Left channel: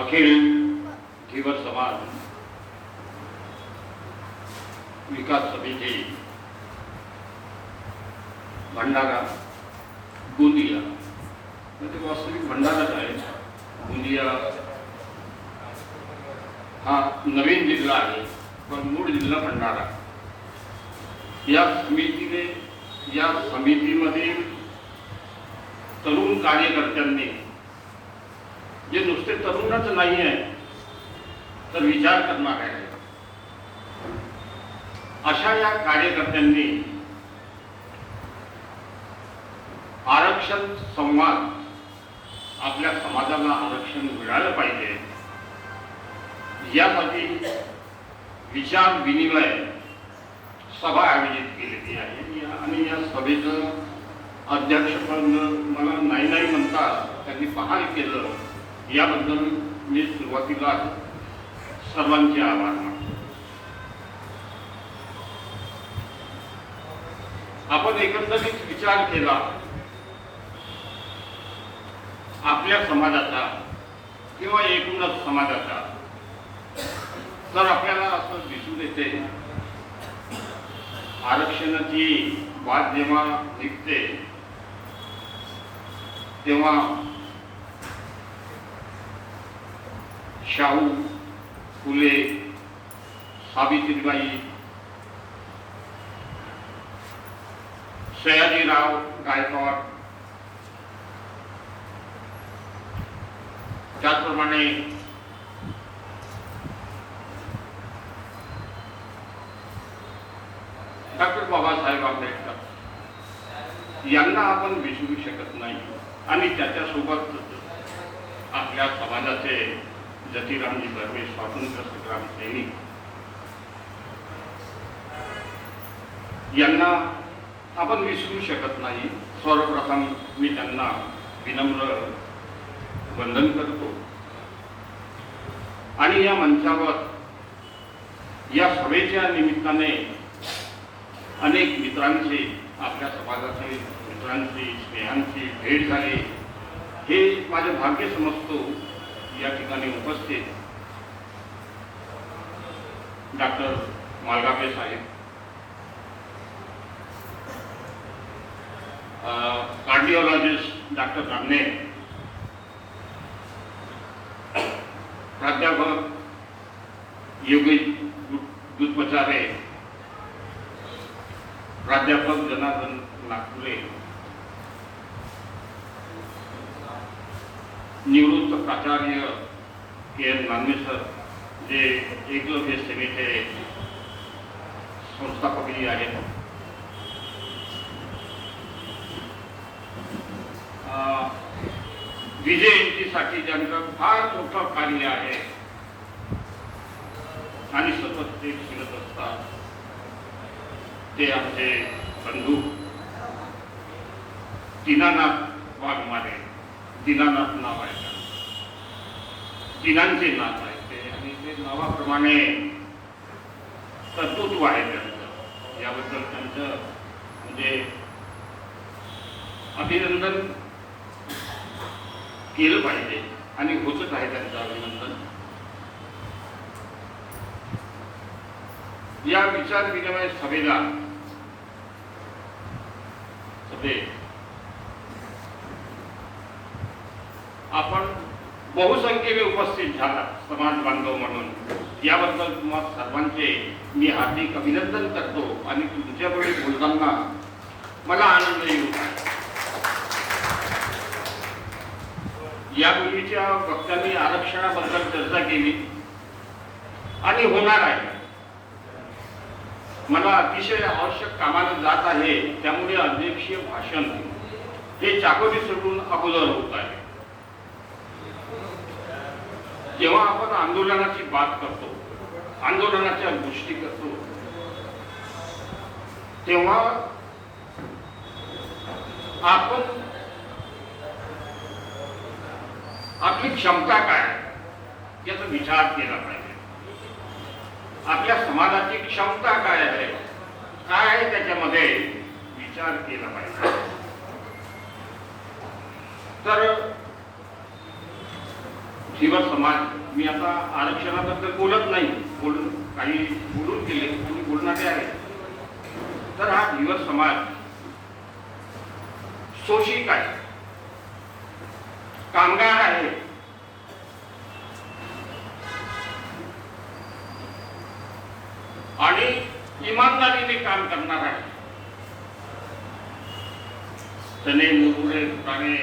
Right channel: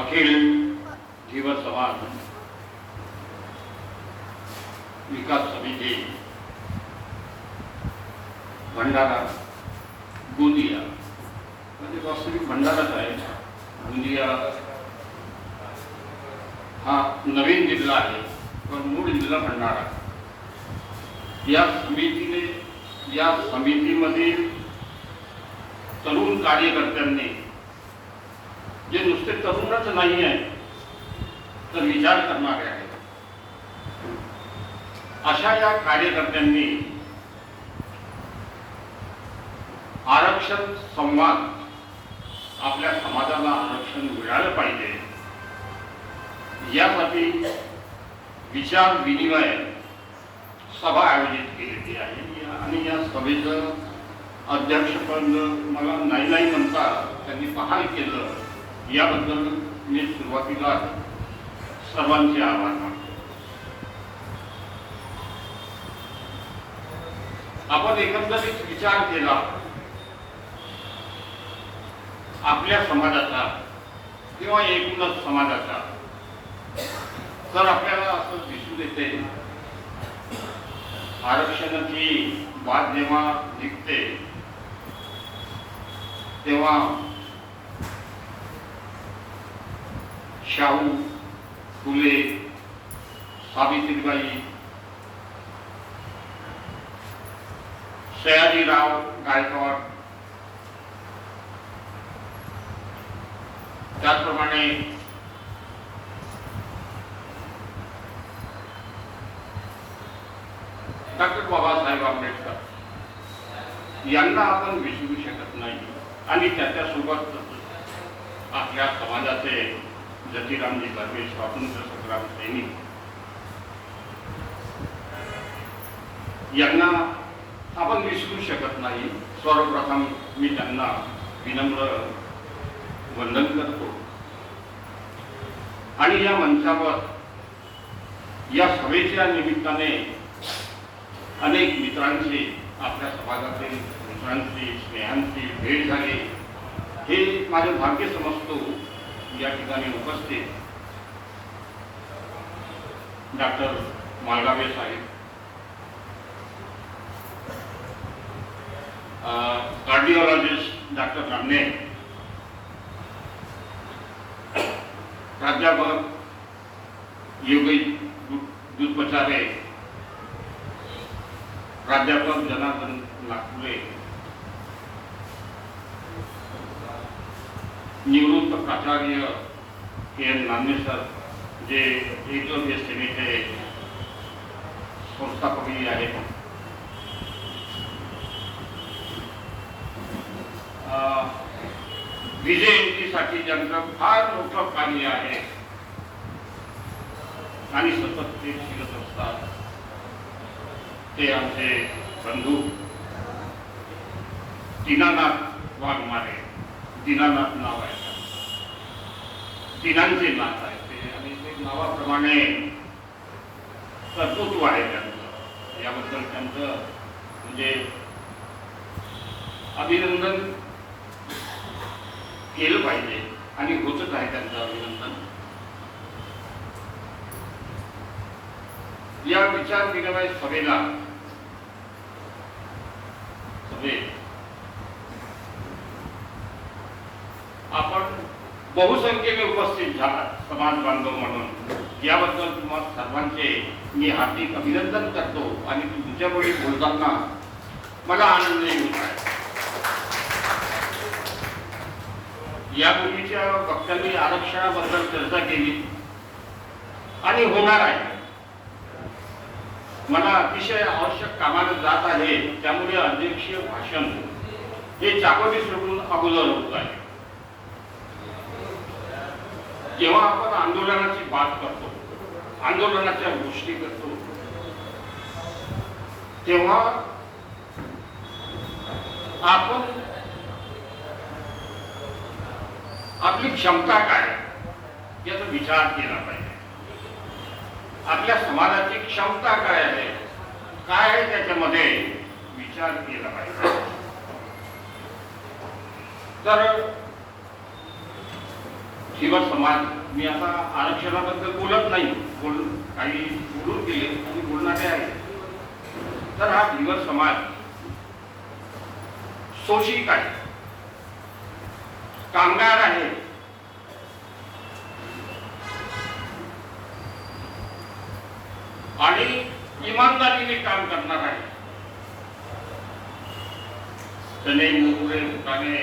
अखिल जीव समाज विकास समिती भंडारा गोंदिया. म्हणजे वास्तविक भंडाराच आहे. गोंदिया हा नवीन जिल्हा आहे पण मूळ जिल्हा भंडारा. या समितीने या समितीमध्ये तरुण कार्यकर्त्यांनी जे नुसते तरुणच नाही आहे तर विचार करणारे आहेत अशा या कार्यकर्त्यांनी आरक्षण संवाद आपल्या समाजाला आरक्षण मिळालं पाहिजे। यासाठी विचार विनिमय सभा आयोजित केलेली आहे। आणि या सभेचं अध्यक्षपद मला नाही नाही म्हणता त्यांनी पहाल केलं। याबद्दल मी सुरुवातीला सर्वांचे आभार आपण एकंदरीत विचार केला आपल्या समाजाचा किंवा एकूणच समाजाचा तर आपल्याला असं दिसून येते आरक्षणाची वाद जेव्हा निघते तेव्हा शाहू फुले सावित्रीबाई सयाजीराव गायकवाड त्याचप्रमाणे डॉक्टर बाबासाहेब आंबेडकर यांना आपण विसरू शकत नाही आणि त्याच्यासोबत आपल्या समाजाचे जतीरामजी दरवे स्वातंत्र्य संग्राम सैनिक. यांना आपण विसरू शकत नाही. सर्वप्रथम मी त्यांना विनम्र वंदन करतो. आणि या मंचावर या सभेच्या निमित्ताने अनेक मित्रांशी आपल्या समाजातील मित्रांशी स्नेहांची भेट झाली. हे माझं भाग्य समजतो. या ठिकाणी उपस्थित doctor Malgave saheb. Cardiologist doctor Ramane कमी आहे. विजयंतीसाठी ज्यांचं फार मोठं कार्य आहे. आणि सतत ते शिकत असतात. ते आमचे बंधू. दिनानाथ वागणारे दिनानाथ नाव आहे. दिनांचे नाथ आहे ते. आणि ते नावाप्रमाणे कर्तृत्व आहे त्यांना याबद्दल त्यांचं म्हणजे अभिनंदन केलं पाहिजे आणि होतच आहे त्यांचं अभिनंदन. या विचार विनिमय सभेला सभेत आपण बहुसंख्येने उपस्थित झाला समाज बांधव म्हणून याबद्दल तुम्हा सर्वांचे मी हार्दिक अभिनंदन करतो आणि तुमच्यापुढे बोलताना मला आनंद येईल यापूर्वीच्या वक्त्यांनी आरक्षणाबद्दल चर्चा केली आणि होणार आहे. मला अतिशय आवश्यक कामाला जात आहे त्यामुळे अध्यक्षीय भाषण हे चाकोरी सोडून अगोदर होत आहे. जेव्हा आपण आंदोलनाची बात करतो आंदोलनाच्या गोष्टी करतो तेव्हा आपण आपली क्षमता काय याचा विचार केला पाहिजे. आपल्या समाजाची क्षमता काय आहे काय आहे त्याच्यामध्ये विचार केला पाहिजे. तर धीवर समाज. मी आता आरक्षणाबद्दल बोलत नाही. बोलून काही बोलून गेले आणि बोलणारे आहे. तर हा धीवर समाज शोषिक आहे. कामगार आहे. आणि इमानदारीने काम करणार आहे. चणे मुरमुरे फुटाणे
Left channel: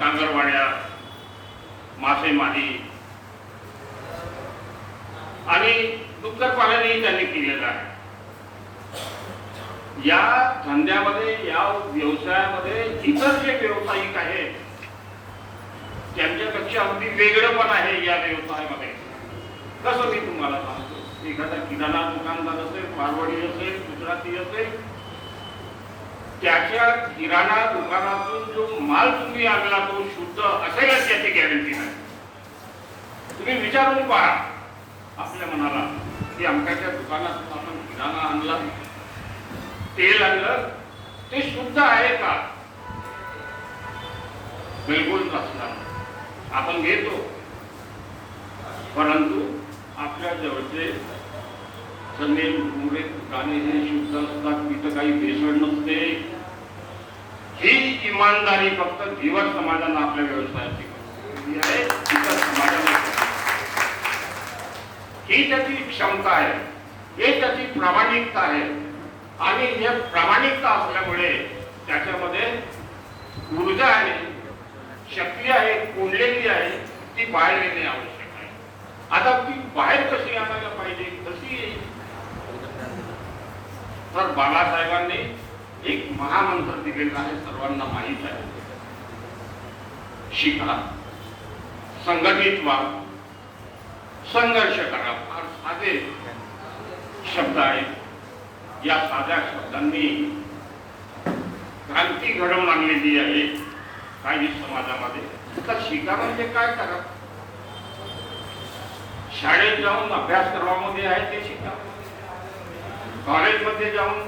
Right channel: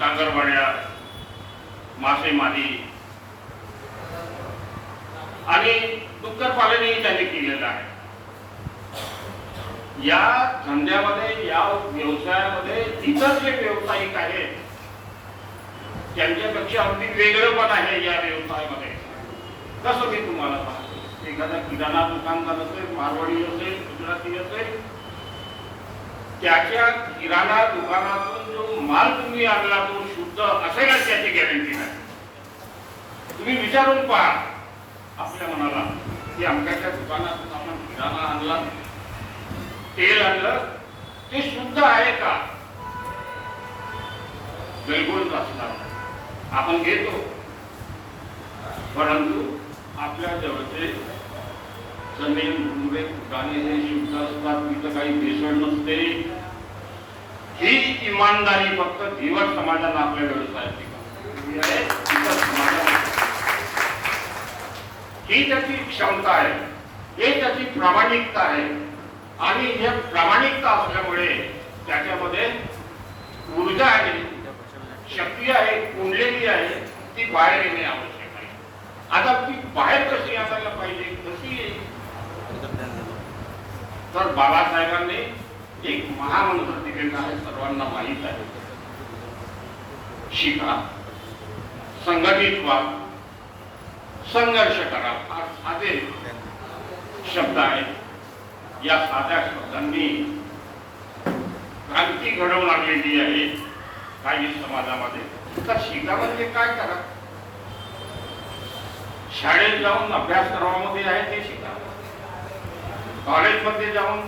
कांगरवाड्या मासेमारी आणि डुक्कर पालनही त्यांनी केलेलं आहे. या धंद्यामध्ये या व्यवसायामध्ये इतर जे व्यावसायिक आहेत त्यांच्यापेक्षा अगदी वेगळं पण आहे या व्यवसायामध्ये. कसं मी तुम्हाला सांगतो? एखादा किराणा दुकानदार असेल मारवाडी असेल गुजराती असेल त्याच्या किराणा दुकानातून जो माल तुम्ही आणला तो शुद्ध असेलच त्याची गॅरंटी नाही. तुम्ही विचारून पहा. आपल्या मनाला की आमच्याच्या दुकानातून आपण किराणा आणला. तेल आणलं. ते शुद्ध आहे का? बिलकुल असणार आपण घेतो. परंतु आपल्या जवळचे जमीन मुळे दुकाने हे शुद्ध असतात. तिथं काही भेसळ नसते. इमानदारी फक्त धीवर समाजाला आपल्या व्यवसायाची ही त्याची क्षमता आहे. हे त्याची प्रामाणिकता आहे. आणि या प्रामाणिकता असल्यामुळे त्याच्यामध्ये ऊर्जा आहे शक्ती आहे कुंडलेली आहे ती बाहेर येणे आवश्यक आहे. आता ती बाहेर कशी आणायला पाहिजे? कशी येईल? तर बाबासाहेबांनी एक महामंत्र दिलेला आहे सर्वांना माहीत आहे. शिका संघटित व्हा संघर्ष करा फार साधे शब्द आहेत. या साध्या शब्दांनी क्रांती घडवून आणलेली आहे काही समाजामध्ये. तर शिका म्हणजे काय करा? शाळेत जाऊन अभ्यासक्रमामध्ये आहे ते शिका. कॉलेजमध्ये जाऊन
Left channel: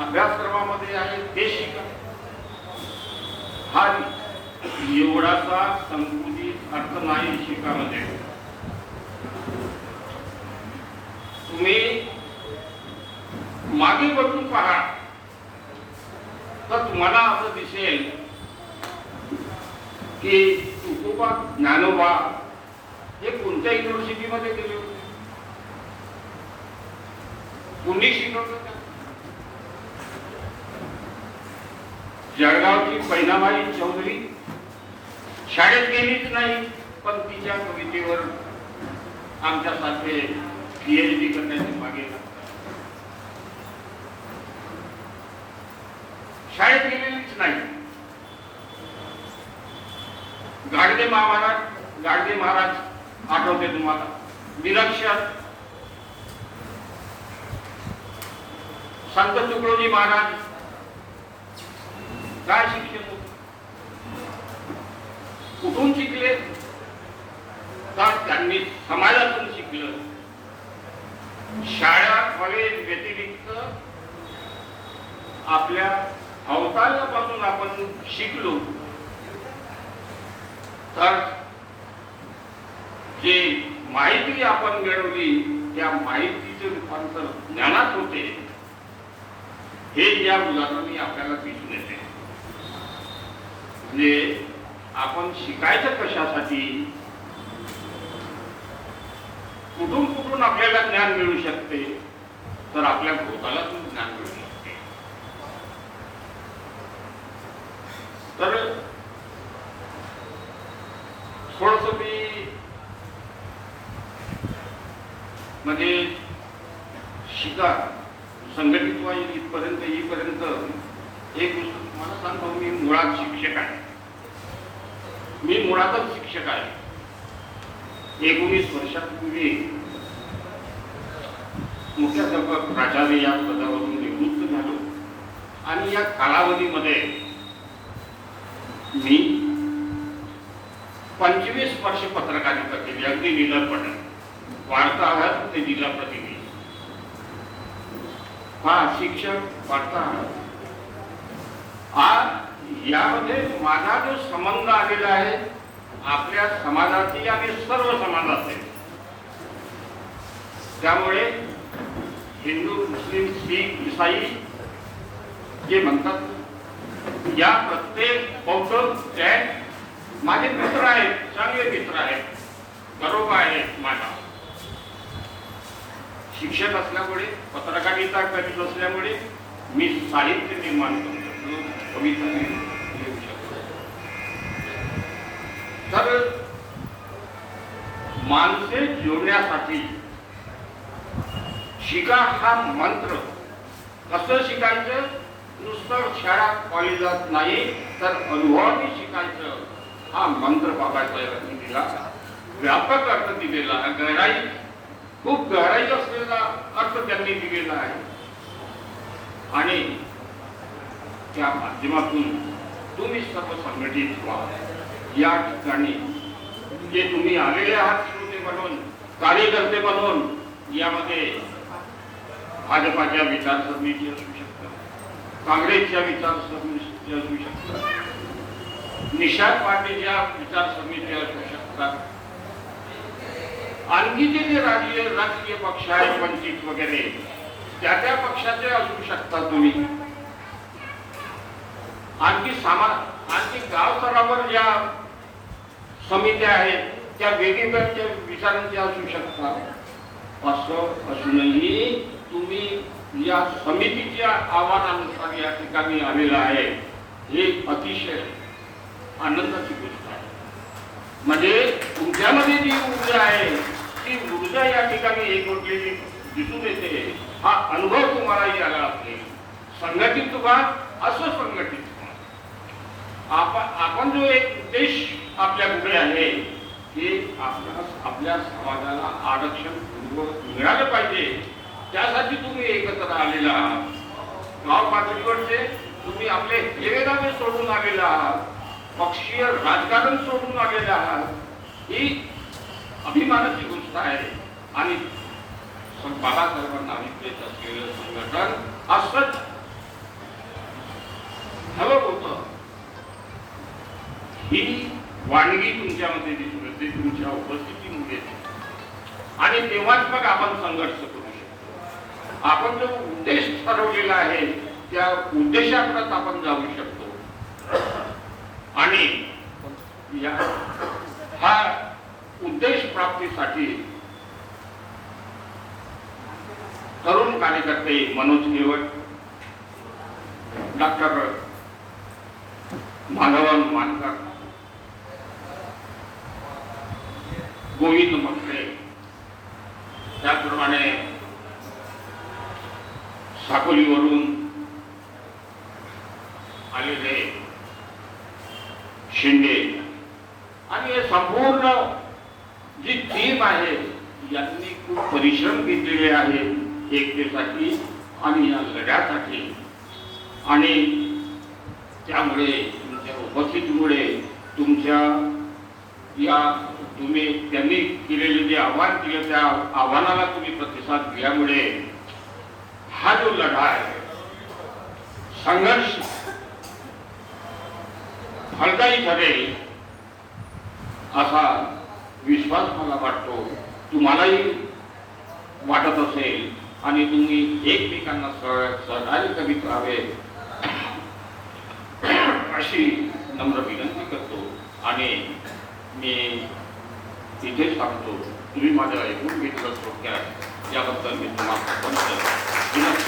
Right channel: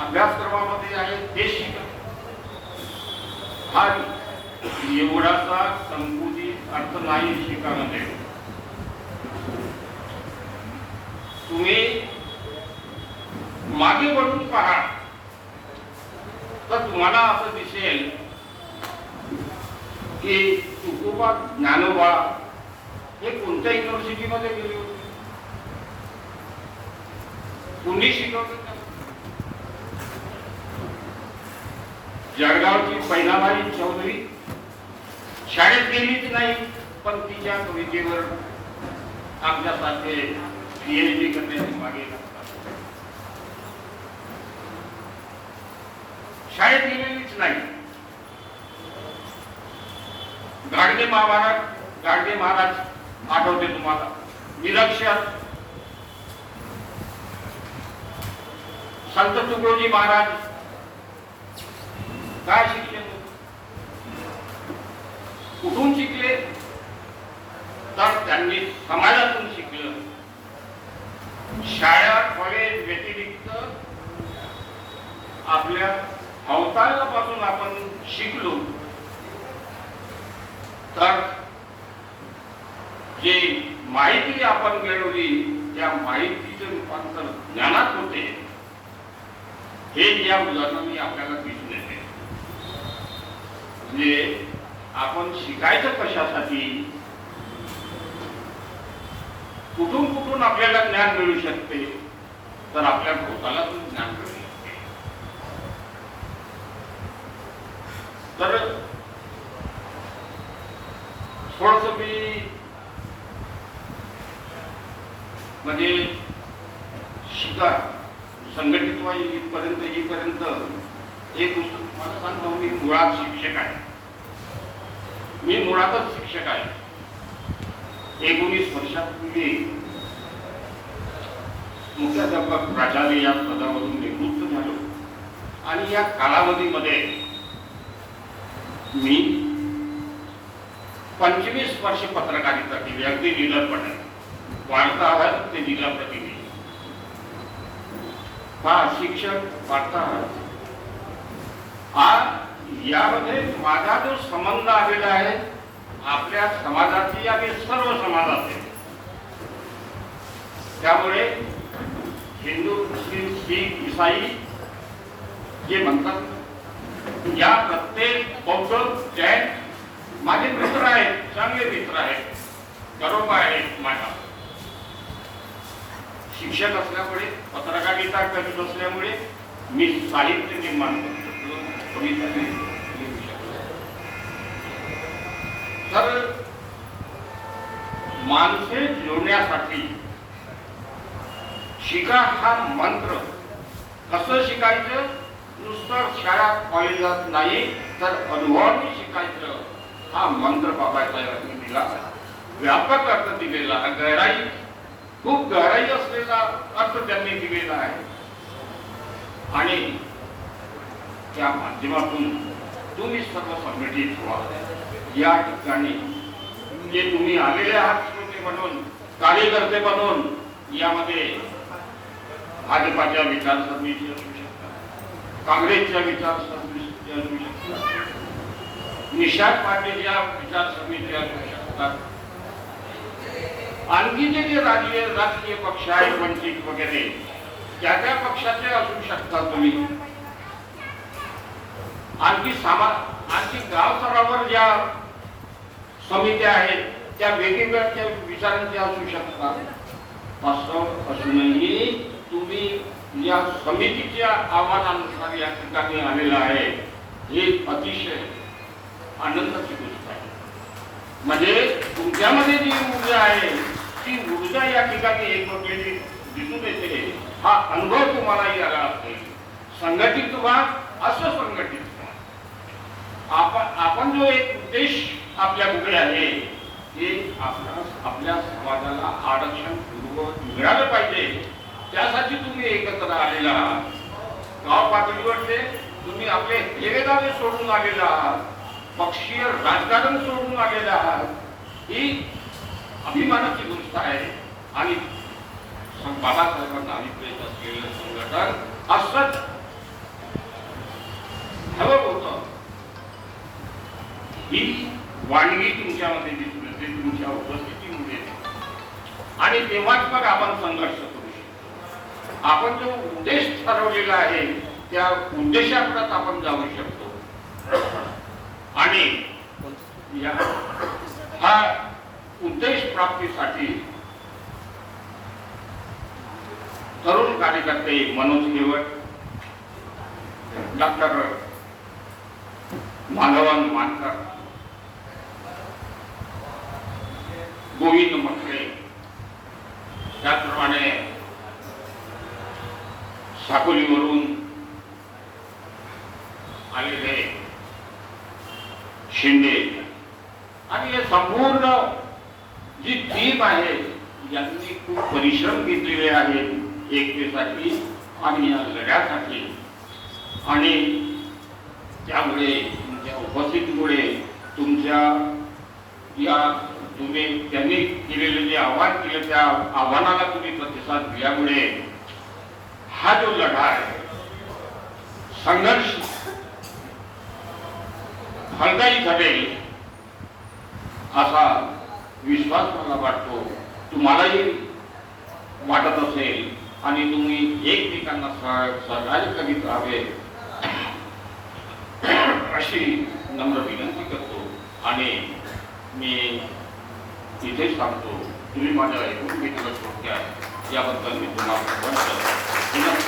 अभ्यासक्रमामध्ये आहे ते शिका हा एवढाचा संकुचित अर्थ नाही शिकामध्ये. तुम्ही मागे वळून पहा तर तुम्हाला असं दिसेल की तुकोबा ज्ञानोबा हे कोणत्या युनिव्हर्सिटीमध्ये गेले होते कुणी शिकवत होतं? जळगावची पैनाबाई चौधरी शाळेत गेलीच नाही पण तिच्या कवितेवर आमच्यासारखे पीएचडी करण्याची मागे. शाळेत गेलेलीच नाही. गाडगे महाराज गाडगे महाराज आठवते तुम्हाला. विलक्षण. संत तुकडोजी महाराज काय शिक्षण कुठून शिकले? तर त्यांनी समाजातून शिकलं. शाळा कॉलेज व्यतिरिक्त आपल्या अवतारापासून आपण शिकलो. तर जे माहिती आपण मिळवली त्या माहितीचे रूपांतर ज्ञानात होते. हे या उदाहरणाने आपल्याला दिसून येते. म्हणजे आपण शिकायचं कशासाठी? कुठून कुठून आपल्याला ज्ञान मिळू शकते? तर आपल्या भूताला पण ज्ञान मिळू शकते. तर थोडस मी म्हणजे शिका संघटित व्हा इथपर्यंत येईपर्यंत एक गोष्ट तुम्हाला सांगतो मी मुळात शिक्षक आहे. मी मुळातच शिक्षक आहे. एकोणीस वर्षापूर्वी मुख्याध्यापक प्राचार्य या पदावरून निवृत्त झालो. आणि या कालावधीमध्ये मी पंचवीस वर्ष पत्रकारिता केली. अगदी निलंबपणे वार्ताहर ते जिल्हा प्रतिनिधी. हा शिक्षक वार्ताहर हा यामध्ये माझा जो संबंध आलेला आहे आपल्या समाजातील आणि सर्व समाजाचे त्यामुळे हिंदू मुस्लिम शीख इसाई जे म्हणतात या प्रत्येक बौद्ध जैन माझे मित्र आहेत चांगले मित्र आहेत गरोबा आहेत माझा शिक्षक असल्यामुळे पत्रकारिता करीत असल्यामुळे मी साहित्य निर्माण करतो. कविता लिहू शकतो तर माणसे जोडण्यासाठी शिका हा मंत्र. कसं शिकायचं? नुसतं शाळा कॉलेजात नाही तर अनुभवाने शिकायचं. हा मंत्र बघायचा अर्थ दिला व्यापक अर्थ दिलेला आहे. गहराई खूप गहराई असलेला अर्थ त्यांनी दिलेला आहे. आणि त्या माध्यमातून तुम्ही सर्व संघटित व्हा. या ठिकाणी जे तुम्ही आलेले आहात म्हणून कार्यकर्ते म्हणून यामध्ये भाजपाच्या विचार समिती असू शकतात काँग्रेसच्या विचार समिती असू शकतात निषाद पाटीलच्या विचार समिती असू शकतात. आणखी जे जे राजकीय राजकीय पक्ष आहेत वंचित वगैरे त्या त्या पक्षाचे असू शकता तुम्ही. आणखी सामा आणखी गाव स्तरावर ज्या समित्या आहेत त्या वेगवेगळ्या विचारांच्या असू शकतात. असं असूनही तुम्ही या समितीच्या आव्हानानुसार या ठिकाणी आलेला आहे हे अतिशय आनंदाची गोष्ट आहे. म्हणजे तुमच्यामध्ये जी ऊर्जा आहे ती ऊर्जा या ठिकाणी एकमेकांनी दिसून येते. हा अनुभव तुम्हाला यायला असेल संघटित व्हा असं संघटित आपण आपण जो एक उद्देश आपल्या पुढे आहे की आपल्या आपल्या समाजाला आरक्षण मिळालं पाहिजे त्यासाठी तुम्ही एकत्र आलेला आहात. गाव पातळीवरचे तुम्ही आपले हेवेदावे सोडून आलेला आहात. पक्षीय राजकारण सोडून आलेला आहात. ही अभिमानाची गोष्ट आहे. आणि बाबासाहेबांना अभिप्रेत असलेलं संघटन असंच हवं होतं. ही वाणगी तुमच्यामध्ये दिसून येते तुमच्या उपस्थितीमध्ये आणि तेव्हाच मग आपण संघर्ष करू शकतो. आपण जो उद्देश ठरवलेला आहे त्या उद्देशाकडे आपण जाऊ शकतो. आणि या हा उद्देश प्राप्तीसाठी तरुण कार्यकर्ते मनोज केवळ डॉक्टर माधवन मान गोविंद म्हटले त्याप्रमाणे साकोलीवरून आलेले शिंदे आणि हे संपूर्ण जी टीम आहे यांनी खूप परिश्रम घेतलेले आहेत एकतेसाठी आणि या लढ्यासाठी. आणि त्यामुळे तुमच्या उपस्थितीमुळे तुमच्या या तुम्ही त्यांनी केलेले जे आव्हान केले त्या आव्हानाला तुम्ही प्रतिसाद दिल्यामुळे हा जो लढा आहे संघर्ष फलदायी ठरेल असा विश्वास मला वाटतो. तुम्हालाही वाटत असेल आणि तुम्ही एकमेकांना सहकार्य करीत राहावे. अशी नम्र विनंती करतो आणि मी इथे सांगतो तुम्ही माझ्या ऐकून घेतलं सोडत्या याबद्दल मी तुम्हाला